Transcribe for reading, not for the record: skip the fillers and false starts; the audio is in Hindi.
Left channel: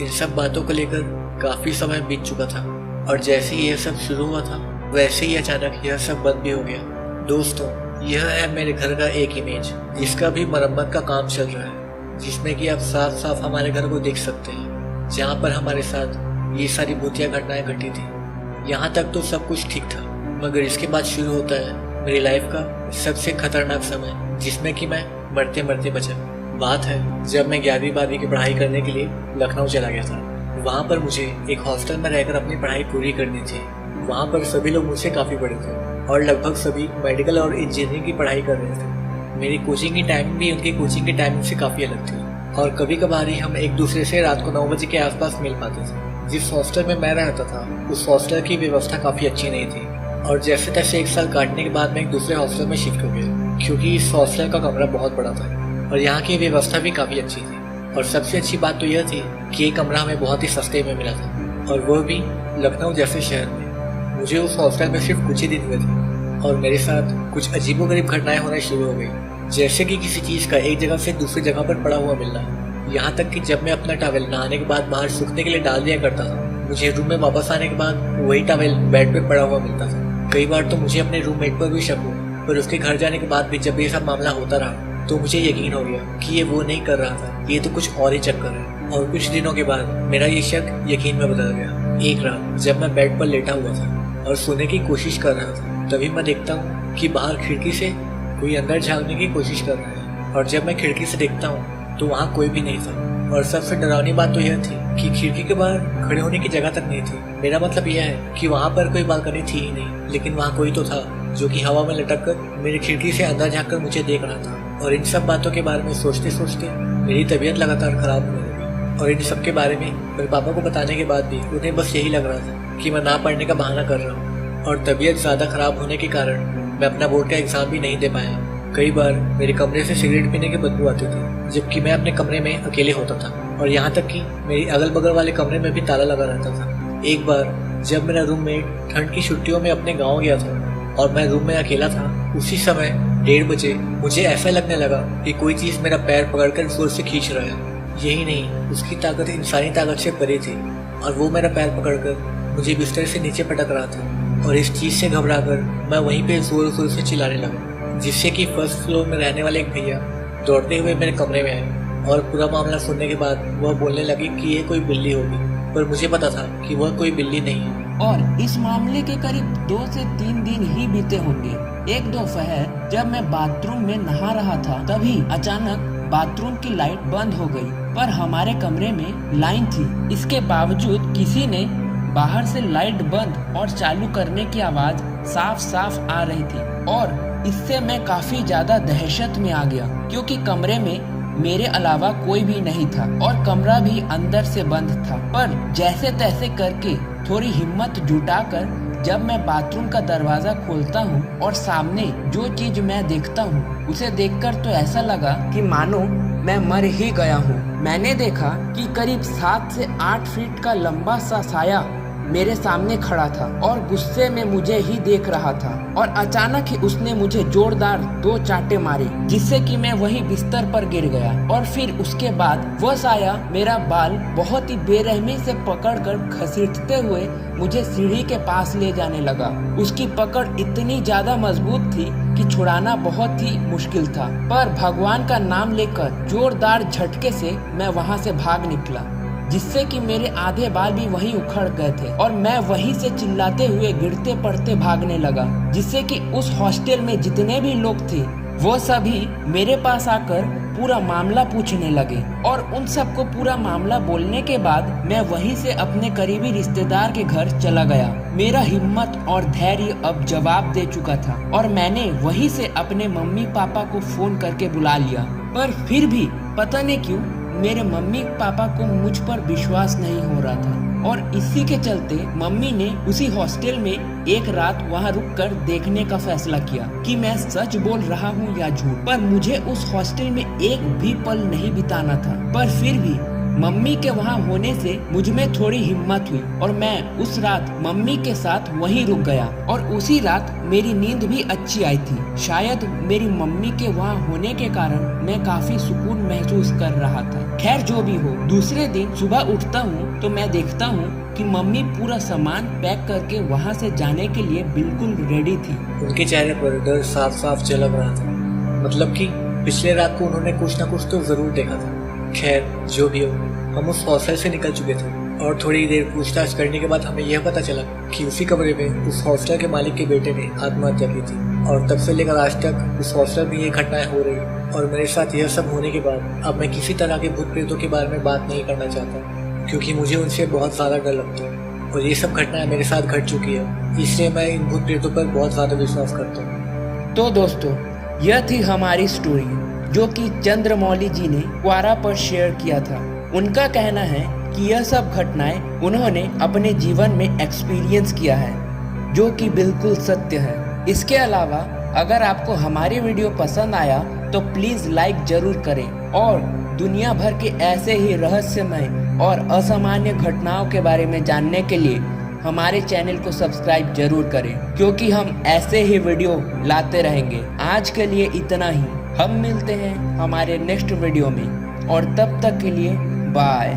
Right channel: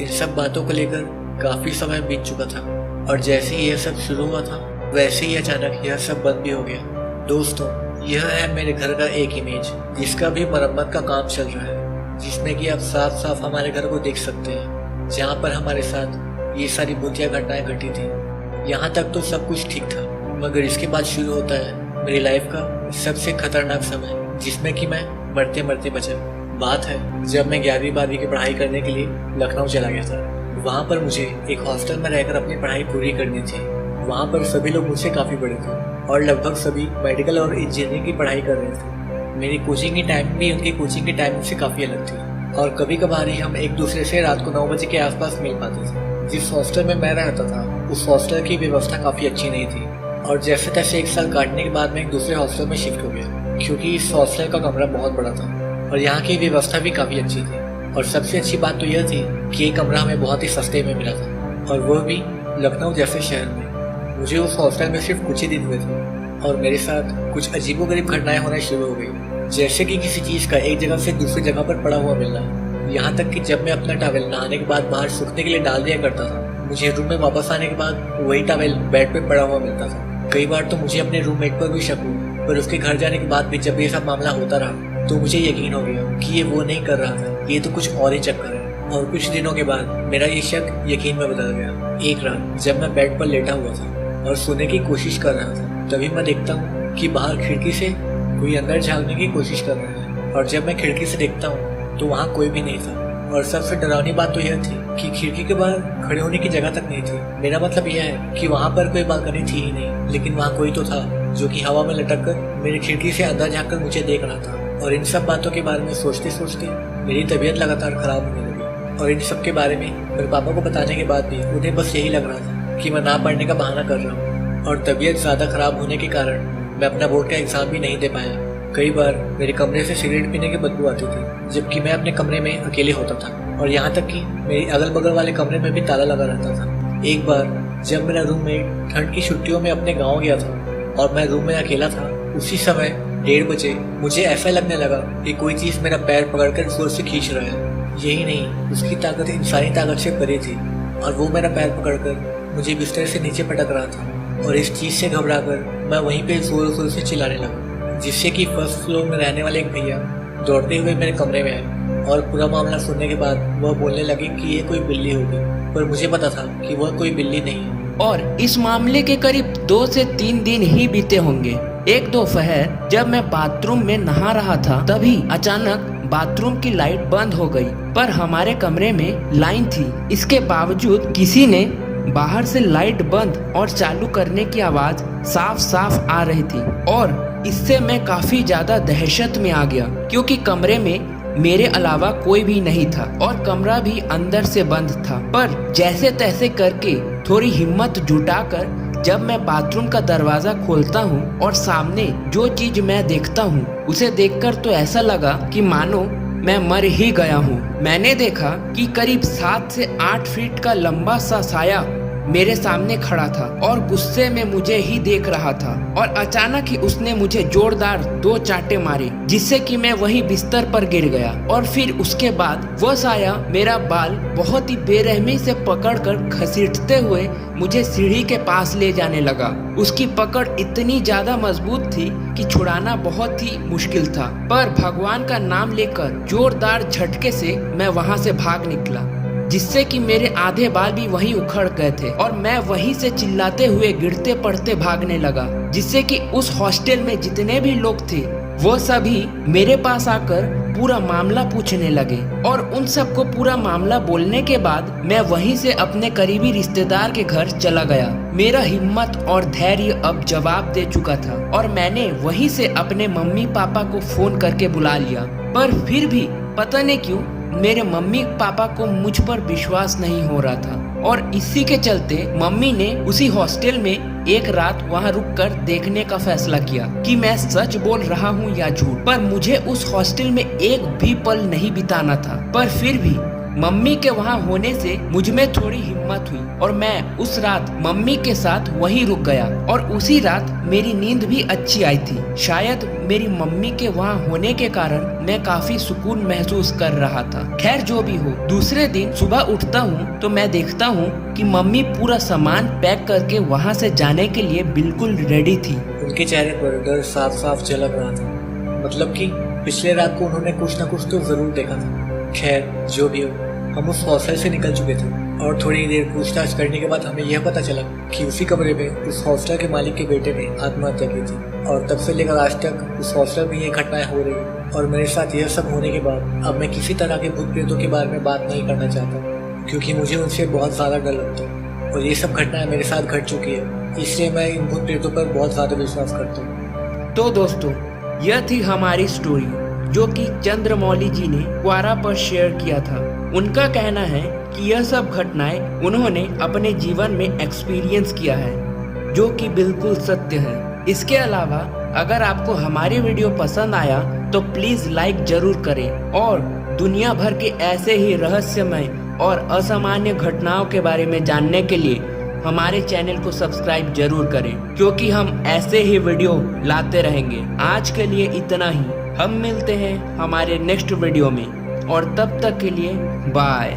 इन सब बातों को लेकर काफी समय बीत चुका था और जैसे ही यह सब शुरू हुआ था वैसे ही अचानक यह सब बंद भी हो गया। दोस्तों, यह है मेरे घर का एक इमेज जिसका भी मरम्मत का काम चल रहा है, जिसमें कि आप साफ साफ हमारे घर को देख सकते हैं जहाँ पर हमारे साथ ये सारी भूतिया घटनाएं घटी थी। यहाँ तक तो सब कुछ ठीक था, मगर इसके बाद शुरू होता है मेरी लाइफ का सबसे खतरनाक समय, जिसमें कि मैं मरते मरते बचा। बात है जब मैं 11वीं 12वीं की पढ़ाई करने के लिए लखनऊ चला गया था। वहाँ पर मुझे एक हॉस्टल में रहकर अपनी पढ़ाई पूरी करनी थी। वहाँ पर सभी लोग मुझसे काफ़ी बड़े थे और लगभग सभी मेडिकल और इंजीनियरिंग की पढ़ाई कर रहे थे। मेरी कोचिंग की टाइमिंग भी उनकी कोचिंग की टाइमिंग से काफ़ी अलग थी और कभी कभार ही हम एक दूसरे से रात को 9 बजे के आसपास मिल पाते थे। जिस हॉस्टल में मैं रहता था उस हॉस्टल की व्यवस्था काफ़ी अच्छी नहीं थी और जैसे तैसे 1 साल काटने के बाद मैं एक दूसरे हॉस्टल में शिफ्ट हो गया, क्योंकि इस हॉस्टल का कमरा बहुत बड़ा था और यहाँ की व्यवस्था भी काफ़ी अच्छी थी। और सबसे अच्छी बात तो यह थी कि ये कमरा हमें बहुत ही सस्ते में मिला था, और वह भी लखनऊ जैसे शहर में। मुझे उस हॉस्टल में सिर्फ कुछ ही दिन हुए थे और मेरे साथ कुछ अजीबोगरीब घटनाएं होना शुरू हो गई, जैसे कि किसी चीज़ का एक जगह से दूसरी जगह पर पड़ा हुआ मिलना। यहाँ तक कि जब मैं अपना टॉवेल नहाने के बाद बाहर सूखने के लिए डाल दिया करता था, मुझे रूम में वापस आने के बाद वही टॉवेल बेड पे पड़ा हुआ मिलता था। कई बार तो मुझे अपने रूममेट पर भी शक हुआ, पर उसके घर जाने के बाद भी जब ये सब मामला होता रहा तो मुझे यकीन हो गया कि ये वो नहीं कर रहा था, ये तो कुछ और ही चक्कर है। और कुछ दिनों के बाद मेरा ये शक यकीन में बदल गया। एक रात जब मैं बेड पर लेटा हुआ था और सोने की कोशिश कर रहा था, तभी मैं देखता हूँ कि बाहर खिड़की से कोई अंदर झांकने की कोशिश कर रहा है। और जब मैं खिड़की से देखता हूँ तो वहाँ कोई भी नहीं था। और सबसे डरावनी बात तो यह थी कि खिड़की के बाहर खड़े होने की जगह तक नहीं थी। मेरा मतलब यह है कि वहाँ पर कोई बालकनी थी ही नहीं, लेकिन वहाँ कोई तो था जो कि हवा में लटक कर मेरी खिड़की से अंदर झाँक कर मुझे देख रहा था। और इन सब बातों के बारे में सोचते सोचते मेरी तबीयत लगातार खराब होने लगी। और इन सब के बारे में मेरे पापा को बताने के बाद भी उन्हें बस यही लग रहा था कि मैं ना पढ़ने का बहाना कर रहा हूँ। और तबीयत ज़्यादा खराब होने के कारण मैं अपना बोर्ड का एग्ज़ाम भी नहीं दे पाया। कई बार मेरे कमरे से सिगरेट पीने की बदबू आती थी, जबकि मैं अपने कमरे में अकेले होता था। और यहाँ तक कि मेरी अगल बगल वाले कमरे में भी ताला लगा रहता था। एक बार जब मेरा रूममेट ठंड की छुट्टियों में अपने गाँव गया था और मैं रूम में अकेला था, उसी समय 1:30 बजे मुझे ऐसा लगने लगा कि कोई चीज़ मेरा पैर पकड़कर जोर से खींच रहा है। यही नहीं, उसकी ताकत इंसानी ताकत से परे थी और वो मेरा पैर पकड़कर मुझे बिस्तर से नीचे पटक रहा था। और इस चीज़ से घबराकर मैं वहीं पे जोर जोर से चिल्लाने लगा, जिससे कि फर्स्ट फ्लोर में रहने वाले एक भैया दौड़ते हुए मेरे कमरे में आए और पूरा मामला सुनने के बाद वह बोलने लगे कि ये कोई बिल्ली होगी, पर मुझे पता था कि वह कोई बिल्ली नहीं है। और इस मामले के करीब 2 से 3 दिन ही बीते होंगे। एक दोपहर जब मैं बाथरूम में नहा रहा था, तभी अचानक बाथरूम की लाइट बंद हो गई, पर हमारे कमरे में लाइन थी। इसके बावजूद किसी ने बाहर से लाइट बंद और चालू करने की आवाज साफ साफ आ रही थी और इससे मैं काफी ज्यादा दहशत में आ गया, क्योंकि कमरे में मेरे अलावा कोई भी नहीं था और कमरा भी अंदर से बंद था। पर जैसे तैसे करके थोड़ी हिम्मत जुटाकर जब मैं बाथरूम का दरवाजा खोलता हूँ और सामने जो चीज मैं देखता हूँ उसे देखकर तो ऐसा लगा कि मानो मैं मर ही गया हूँ। मैंने देखा कि करीब 7 से 8 फीट का लंबा सा साया मेरे सामने खड़ा था और गुस्से में मुझे ही देख रहा था। और अचानक ही उसने मुझे जोरदार 2 चांटे मारे, जिससे कि मैं वही बिस्तर पर गिर गया। और फिर उसके बाद वह साया मेरा बाल बहुत ही बेरहमी से पकड़कर घसीटते हुए मुझे सीढ़ी के पास ले जाने लगा। उसकी पकड़ इतनी ज्यादा मजबूत थी कि छुड़ाना बहुत ही मुश्किल था, पर भगवान का नाम लेकर जोरदार झटके से मैं वहाँ से भाग निकला, जिससे कि मेरे आधे बाल भी वहीं उखड़ गए थे और मैं वहीं से चिल्लाते हुए गिरते पड़ते भागने लगा, जिससे कि उस हॉस्टल में जितने भी लोग थे वो सभी मेरे पास आकर पूरा मामला पूछने लगे। और उन सबको पूरा मामला बोलने के बाद मैं वहीं से अपने करीबी रिश्तेदार के घर चला गया। मेरा हिम्मत और धैर्य अब जवाब दे चुका था और मैंने वहीं से अपने मम्मी पापा को फोन करके बुला लिया। पर फिर भी पता नहीं क्यों मेरे मम्मी पापा को मुझ पर विश्वास नहीं हो रहा था और इसी के चलते मम्मी ने उसी हॉस्टल में एक रात वहां रुककर देखने का फैसला किया कि मैं सच बोल रहा हूं या झूठ। पर मुझे उस हॉस्टल में एक भी पल नहीं बिताना था, पर फिर भी मम्मी के वहाँ होने से मुझ में थोड़ी हिम्मत हुई और मैं उस रात मम्मी के साथ वहीं रुक गया और उसी रात मेरी नींद भी अच्छी आई थी। शायद मेरी मम्मी के वहाँ होने के कारण मैं काफी सुकून महसूस कर रहा था। खैर जो भी हो, दूसरे दिन सुबह उठता हूँ तो मैं देखता हूँ कि मम्मी पूरा सामान पैक करके वहाँ से जाने के लिए बिल्कुल रेडी थी। उनके चेहरे पर डर साफ साफ झलक रहा था, मतलब कि पिछले रात को उन्होंने कुछ न कुछ तो जरूर देखा था। खैर जो भी हो, हम उस हॉस्टल से निकल चुके थे और थोड़ी देर पूछताछ करने के बाद हमें यह पता चला कि उसी कमरे में उस हॉस्टल के मालिक के बेटे ने आत्महत्या की थी और तब से लेकर आज तक उस हॉस्टल में ये घटनाएं हो रही हैं। और मेरे साथ यह सब होने के बाद अब मैं किसी तरह के भूत प्रेतों के बारे में बात नहीं करना चाहता, क्योंकि मुझे उनसे बहुत ज्यादा डर लगता है और ये सब घटनाएं मेरे साथ घट चुकी है, इसलिए मैं इन भूत प्रेतों पर बहुत ज्यादा विश्वास करता हूँ। तो दोस्तों, यह थी हमारी स्टोरी जो कि चंद्रमौली जी ने क्वारा पर शेयर किया था। उनका कहना है कि यह सब घटनाएं उन्होंने अपने जीवन में एक्सपीरियंस किया है, जो कि बिल्कुल सत्य है। इसके अलावा अगर आपको हमारी वीडियो पसंद आया तो प्लीज लाइक जरूर करें और दुनिया भर के ऐसे ही रहस्यमय और असामान्य घटनाओं के बारे में जानने के लिए हमारे चैनल को सब्सक्राइब जरूर करें, क्योंकि हम ऐसे ही वीडियो लाते रहेंगे। आज के लिए इतना ही। हम मिलते हैं हमारे नेक्स्ट वीडियो में और तब तक के लिए बाय।